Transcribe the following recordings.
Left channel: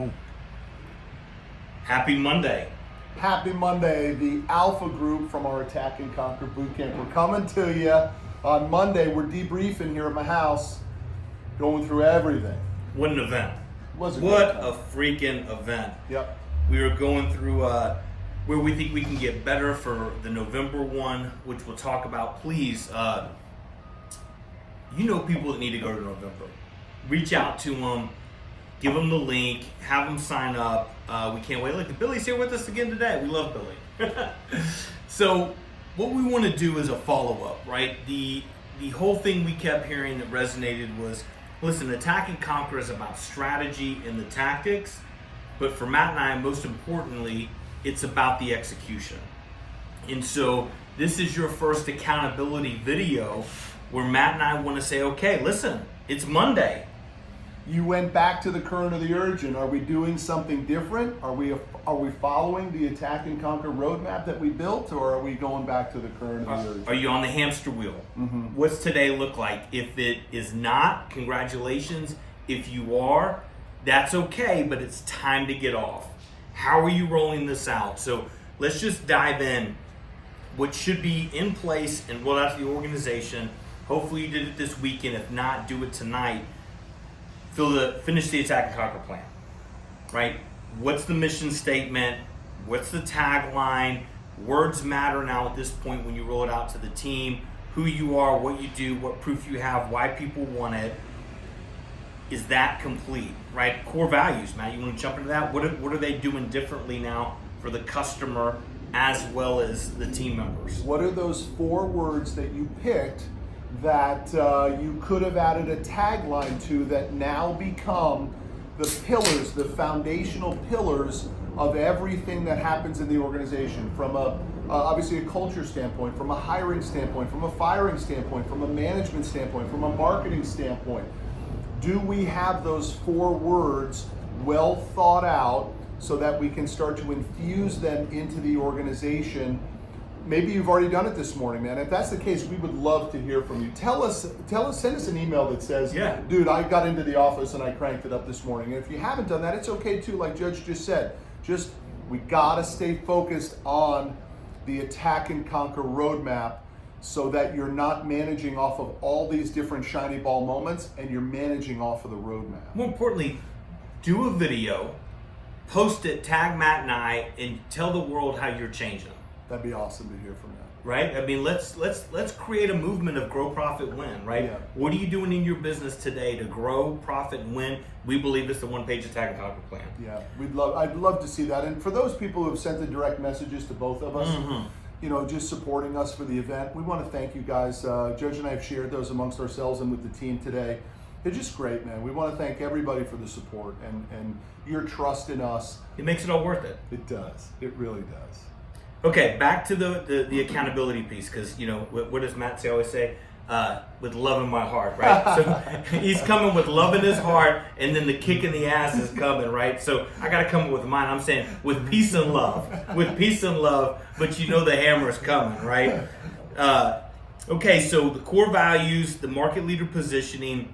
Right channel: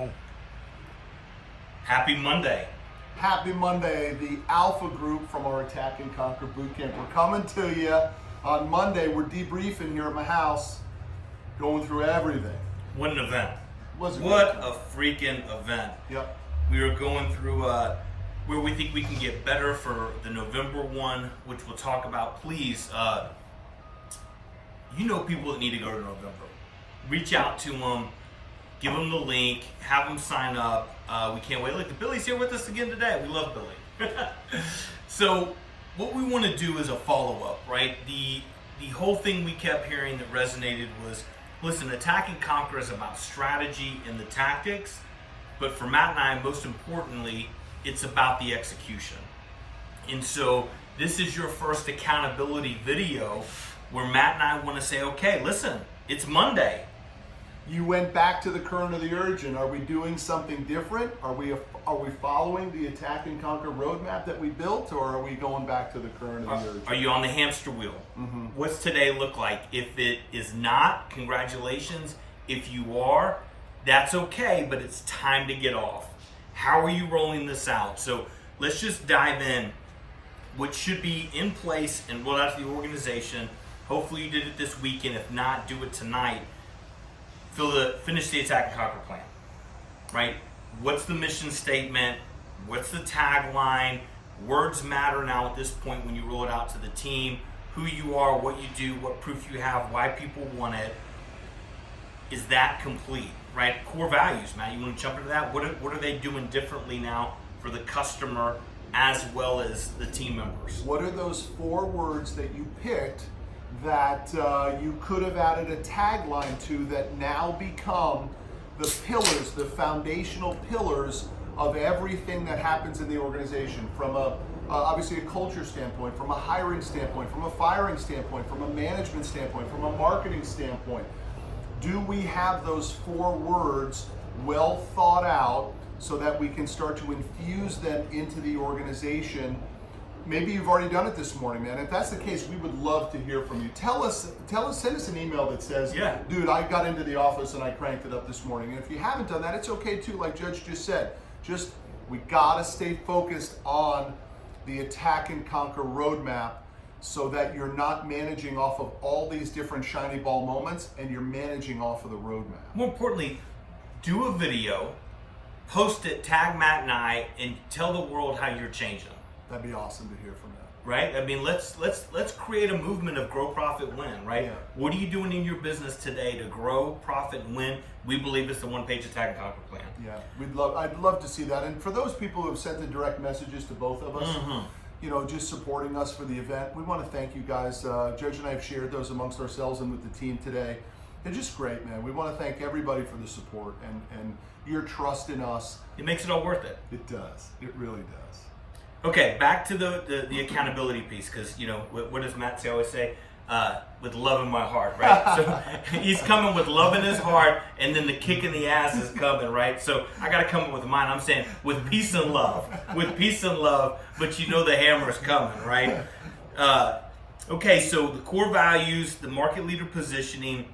Boom. Happy Monday. Happy Monday. The Alpha Group from our Attack and Conquer Bootcamp. We're coming to you on Monday. We're debriefing here at my house, going through everything. What an event. Was a What great a time. freaking event. Yep. We are going through where we think we can get better for the November one, which we'll talk about. Please, you know people that need to go to November. Reach out to them, give them the link, have them sign up. We can't wait. Look, the Billy's here with us again today. We love Billy. So what we want to do is a follow-up, right? The whole thing we kept hearing that resonated was, listen, Attack and Conquer is about strategy and the tactics, but for Matt and I, most importantly, it's about the execution. And so this is your first accountability video where Matt and I want to say, okay, listen, it's Monday. You went back to the current of the urgent. Are we doing something different? Are we following the Attack and Conquer roadmap that we built, or are we going back to the current of the urgent? Are you on the hamster wheel? Mm-hmm. What's today look like? If it is not, congratulations. If you are, that's okay, but it's time to get off. How are you rolling this out? So let's just dive in. What should be in place and roll out to the organization. Hopefully you did it this weekend. If not, do it tonight. Finish the Attack and Conquer plan, right? What's the mission statement? What's the tagline? Words matter now at this point when you roll it out to the team. Who you are, what you do, what proof you have, why people want it. Is that complete, right? Core values, Matt, you want to jump into that? What are they doing differently now for the customer as well as the team members? What are those 4 words that you picked that you could have added a tagline to that now become the pillars, the foundational pillars of everything that happens in the organization, from obviously a culture standpoint, from a hiring standpoint, from a firing standpoint, from a management standpoint, from a marketing standpoint? Do we have those 4 words well thought out so that we can start to infuse them into the organization? Maybe you've already done it this morning, man. If that's the case, we would love to hear from you. Send us an email that says, yeah, dude, I got into the office and I cranked it up this morning. And if you haven't done that, it's okay too, like Judge just said. We gotta stay focused on the Attack and Conquer roadmap so that you're not managing off of all these different shiny ball moments and you're managing off of the roadmap. More importantly, do a video, post it, tag Matt and I, and tell the world how you're changing. That'd be awesome to hear from that. Right? I mean, let's create a movement of grow, profit, win, right? Yeah. What are you doing in your business today to grow, profit, and win? We believe it's the one-page Attack and Conquer plan. Yeah, I'd love to see that. And for those people who have sent the direct messages to both of us, just supporting us for the event, we want to thank you guys. Judge and I have shared those amongst ourselves and with the team today. They're just great, man. We want to thank everybody for the support and your trust in us. It makes it all worth it. It does. It really does. Okay, back to the accountability piece, because, what does Matt always say? With love in my heart, right? So he's coming with love in his heart, and then the kick in the ass is coming, right? So I got to come up with mine. I'm saying with peace and love. With peace and love, but the hammer's coming, right? Okay, so the core values, the market leader positioning.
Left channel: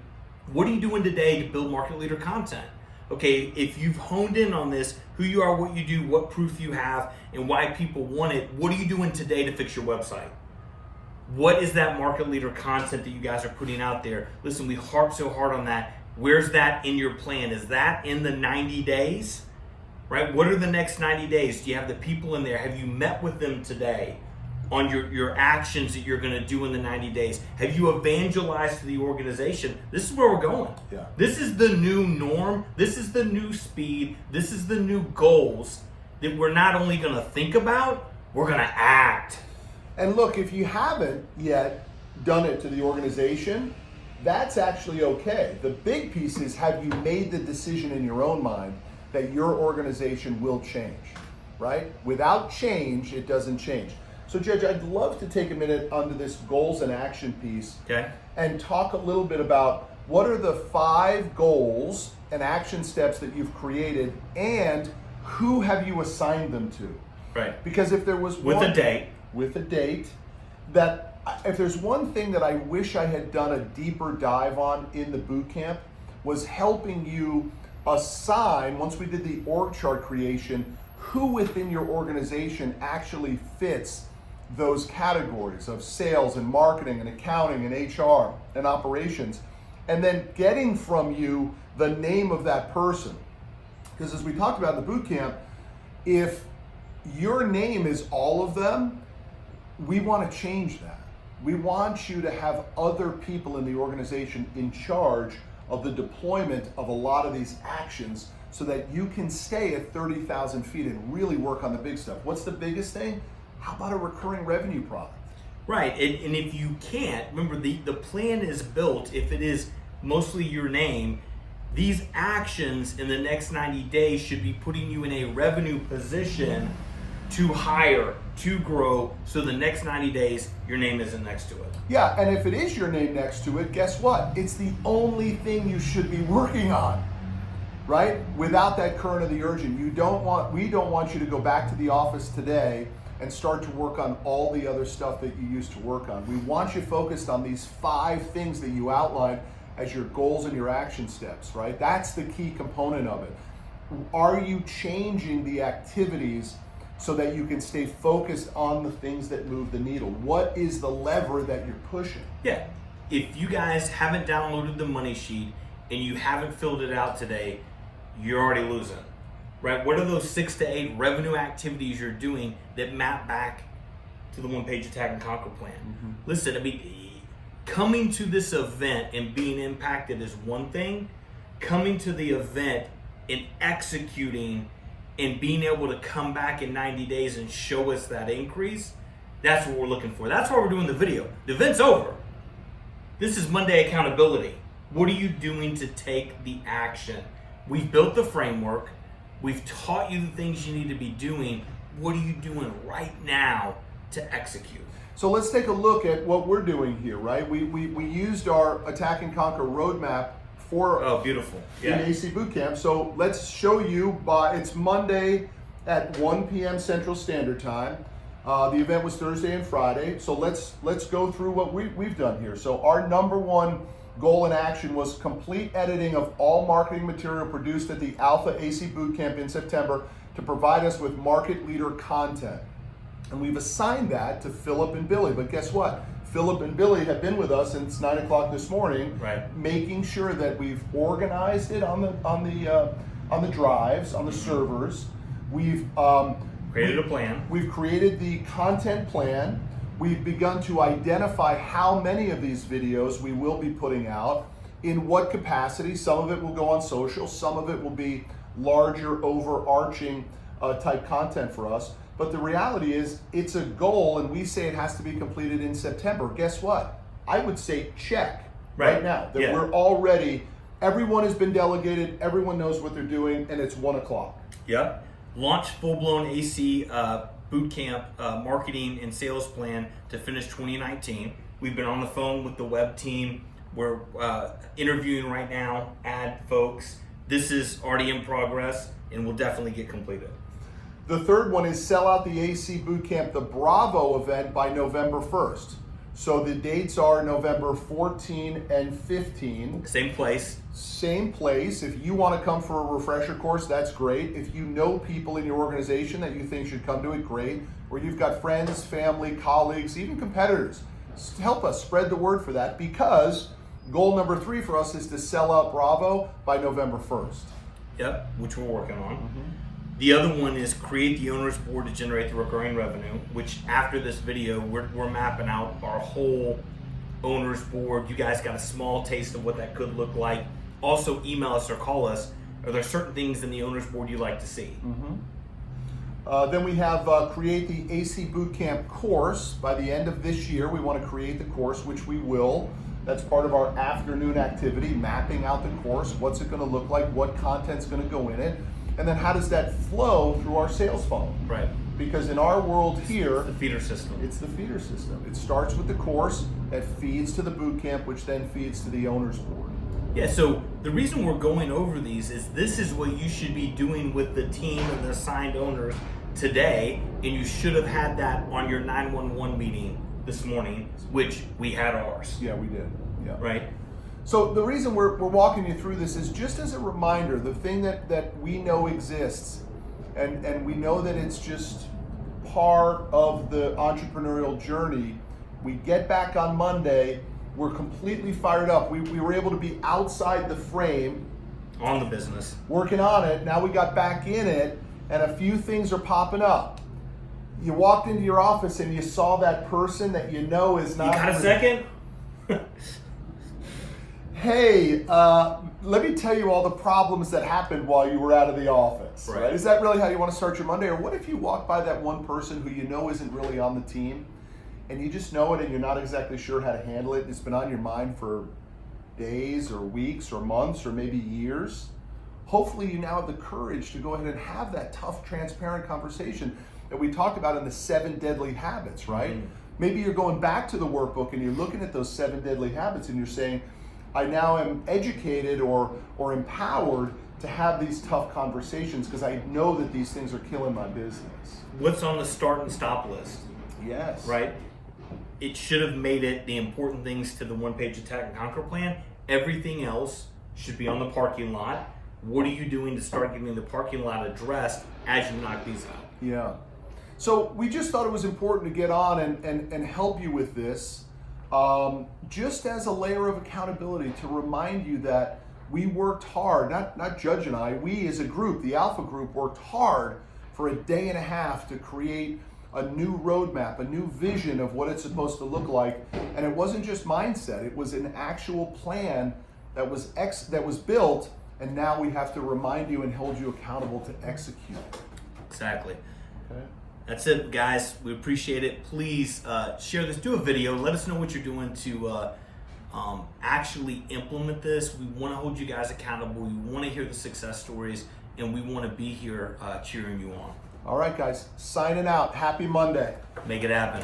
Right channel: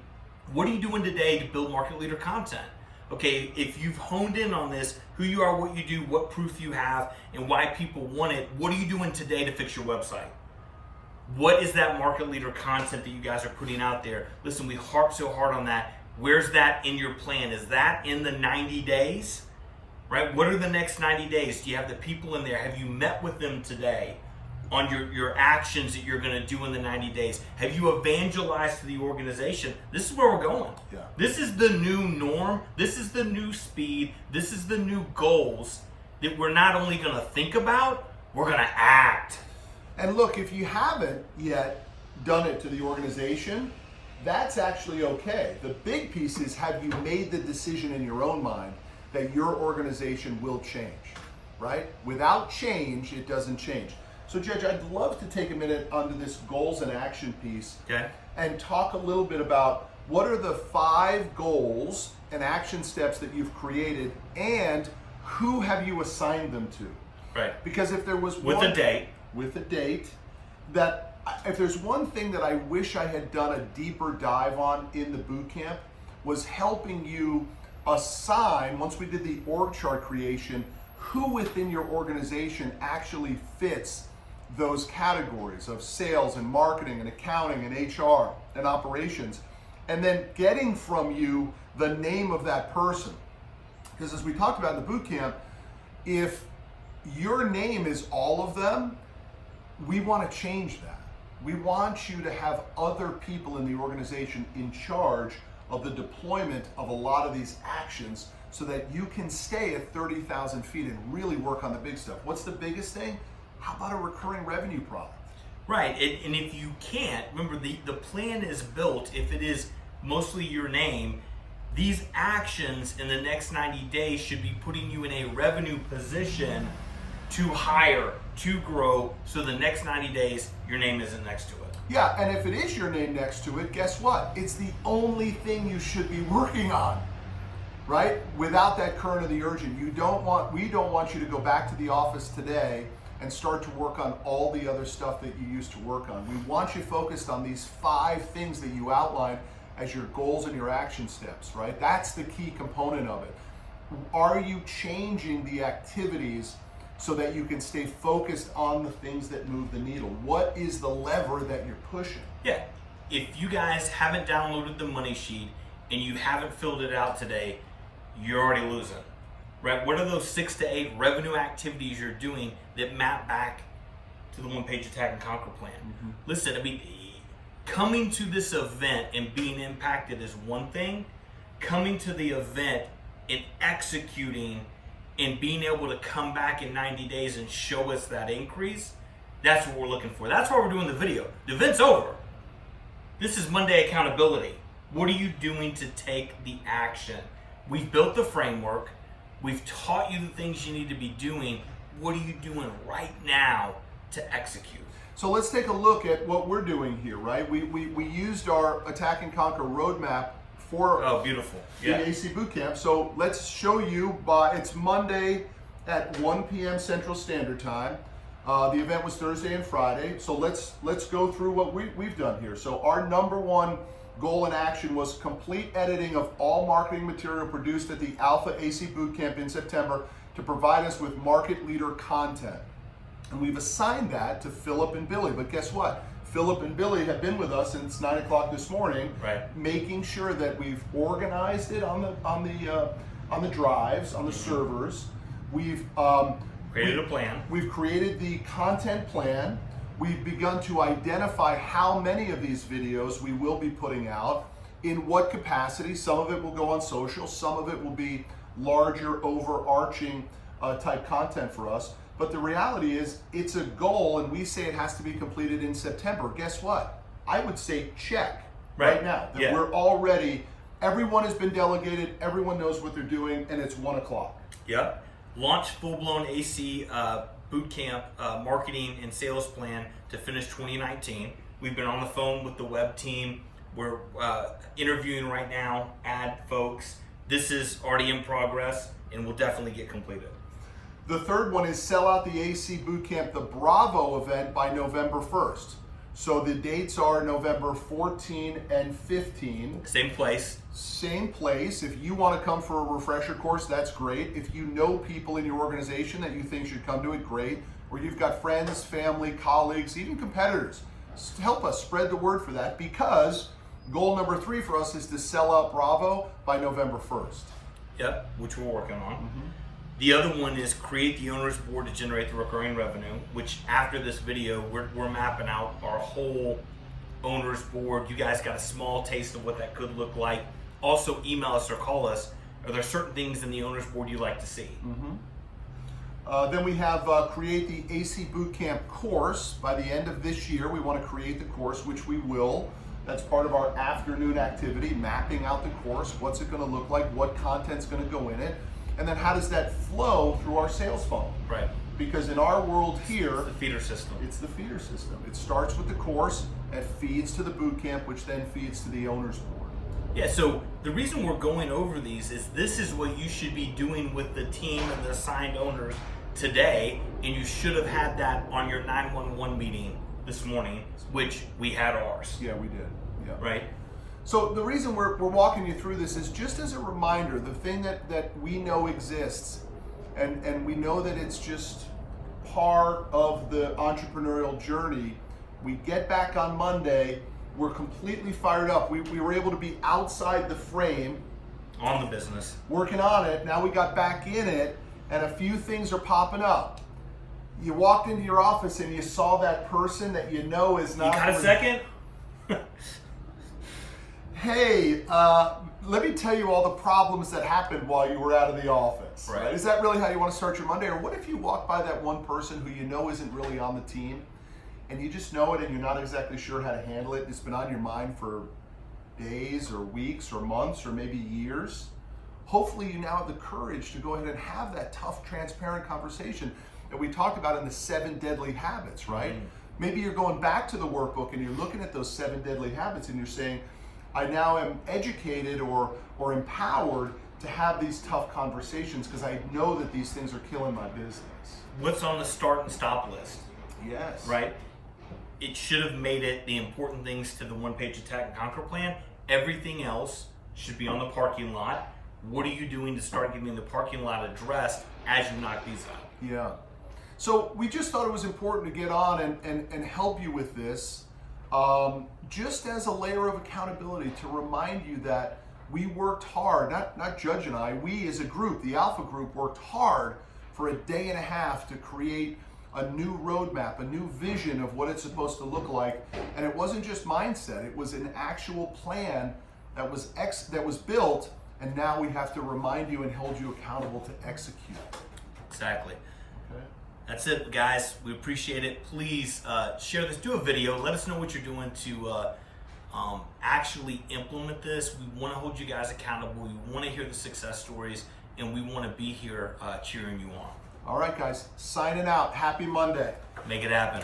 What are you doing today to build market leader content? Okay, if you've honed in on this, who you are, what you do, what proof you have, and why people want it, what are you doing today to fix your website? What is that market leader content that you guys are putting out there? Listen, we harp so hard on that. Where's that in your plan? Is that in the 90 days? Right? What are the next 90 days? Do you have the people in there? Have you met with them today on your actions that you're going to do in the 90 days? Have you evangelized to the organization? This is where we're going. Yeah. This is the new norm. This is the new speed. This is the new goals that we're not only going to think about, we're going to act. And look, if you haven't yet done it to the organization, that's actually okay. The big piece is, have you made the decision in your own mind that your organization will change, right? Without change, it doesn't change. So, Judge, I'd love to take a minute onto this goals and action piece, okay, and talk a little bit about what are the 5 goals and action steps that you've created, and who have you assigned them to? Right. Because if there was with a date, that if there's one thing that I wish I had done a deeper dive on in the boot camp, was helping you assign, once we did the org chart creation, who within your organization actually fits those categories of sales and marketing and accounting and HR and operations, and then getting from you the name of that person. Because as we talked about in the boot camp, if your name is all of them, we want to change that. We want you to have other people in the organization in charge of the deployment of a lot of these actions so that you can stay at 30,000 feet and really work on the big stuff. What's the biggest thing? How about a recurring revenue product? Right, and if you can't, remember the plan is built, if it is mostly your name, these actions in the next 90 days should be putting you in a revenue position to hire, to grow, so the next 90 days, your name isn't next to it. Yeah, and if it is your name next to it, guess what? It's the only thing you should be working on, right? Without that current of the urgent. We don't want you to go back to the office today and start to work on all the other stuff that you used to work on. We want you focused on these 5 things that you outlined as your goals and your action steps, right? That's the key component of it. Are you changing the activities so that you can stay focused on the things that move the needle? What is the lever that you're pushing? Yeah, if you guys haven't downloaded the money sheet and you haven't filled it out today, you're already losing, right? What are those 6 to 8 revenue activities you're doing that map back to the one-page Attack and Conquer plan? Mm-hmm. Listen, I mean, coming to this event and being impacted is one thing. Coming to the event and executing and being able to come back in 90 days and show us that increase, that's what we're looking for. That's why we're doing the video. The event's over. This is Monday accountability. What are you doing to take the action? We've built the framework. We've taught you the things you need to be doing. What are you doing right now to execute? So let's take a look at what we're doing here, right? We used our Attack and Conquer roadmap for beautiful. In AC Bootcamp. So let's show you, it's Monday at 1 p.m. Central Standard Time. The event was Thursday and Friday. So let's go through what we've done here. So our number one goal and action was complete editing of all marketing material produced at the Alpha AC Bootcamp in September to provide us with market leader content. And we've assigned that to Philip and Billy. But guess what? Philip and Billy have been with us since 9 o'clock this morning, right, making sure that we've organized it on the drives, on the servers. We've created a plan. We've created the content plan. We've begun to identify how many of these videos we will be putting out, in what capacity. Some of it will go on social, some of it will be larger, overarching type content for us. But the reality is, it's a goal, and we say it has to be completed in September. Guess what? I would say check right now. That we're already, everyone has been delegated, everyone knows what they're doing, and it's 1 o'clock. Yep. Launch full-blown AC Bootcamp marketing and sales plan to finish 2019. We've been on the phone with the web team. We're interviewing right now, ad folks. This is already in progress and will definitely get completed. The third one is sell out the AC Bootcamp, the Bravo event, by November 1st. So the dates are November 14 and 15. Same place. Same place. If you want to come for a refresher course, that's great. If you know people in your organization that you think should come to it, great. Or you've got friends, family, colleagues, even competitors, help us spread the word for that, because goal number 3 for us is to sell out Bravo by November 1st. Yep, which we're working on. Mm-hmm. The other one is create the owner's board to generate the recurring revenue, which after this video, we're mapping out our whole owner's board. You guys got a small taste of what that could look like. Also, email us or call us. Are there certain things in the owner's board you like to see? Mm-hmm. Then we have create the AC Bootcamp course. By the end of this year, we want to create the course, which we will. That's part of our afternoon activity, mapping out the course. What's it going to look like? What content's going to go in it? And then how does that flow through our sales funnel? Right. Because in our world here, the feeder system. It's the feeder system. It starts with the course, that feeds to the boot camp, which then feeds to the owner's board. Yeah, so the reason we're going over these is this is what you should be doing with the team and the assigned owners today, and you should have had that on your 911 meeting this morning, which we had ours. Yeah, we did. Yeah. Right? So the reason we're walking you through this is just as a reminder, the thing that we know exists, and we know that it's just part of the entrepreneurial journey. We get back on Monday, we're completely fired up. We were able to be outside the frame, on the business, working on it. Now we got back in it, and a few things are popping up. You walked into your office and you saw that person that you know is not. You got a second? Hey, let me tell you all the problems that happened while you were out of the office. Right. Is that really how you want to start your Monday? Or what if you walk by that one person who you know isn't really on the team, and you just know it and you're not exactly sure how to handle it, and it's been on your mind for days or weeks or months or maybe years? Hopefully you now have the courage to go ahead and have that tough, transparent conversation that we talked about in the 7 deadly habits, right? Mm-hmm. Maybe you're going back to the workbook and you're looking at those 7 deadly habits and you're saying, I now am educated or empowered to have these tough conversations because I know that these things are killing my business. What's on the start and stop list? Yes. Right? It should have made it the important things to the one-page attack and conquer plan. Everything else should be on the parking lot. What are you doing to start getting the parking lot addressed as you knock these out? Yeah. So we just thought it was important to get on and help you with this, just as a layer of accountability to remind you that we worked hard, not Judge and I, we as a group, the Alpha Group, worked hard for a day and a half to create a new roadmap, a new vision of what it's supposed to look like. And it wasn't just mindset, it was an actual plan that was built, and now we have to remind you and hold you accountable to execute. Exactly. Okay. That's it, guys. We appreciate it. Please share this. Do a video. Let us know what you're doing to actually implement this. We want to hold you guys accountable. We want to hear the success stories, and we want to be here cheering you on. All right, guys. Signing out. Happy Monday. Make it happen.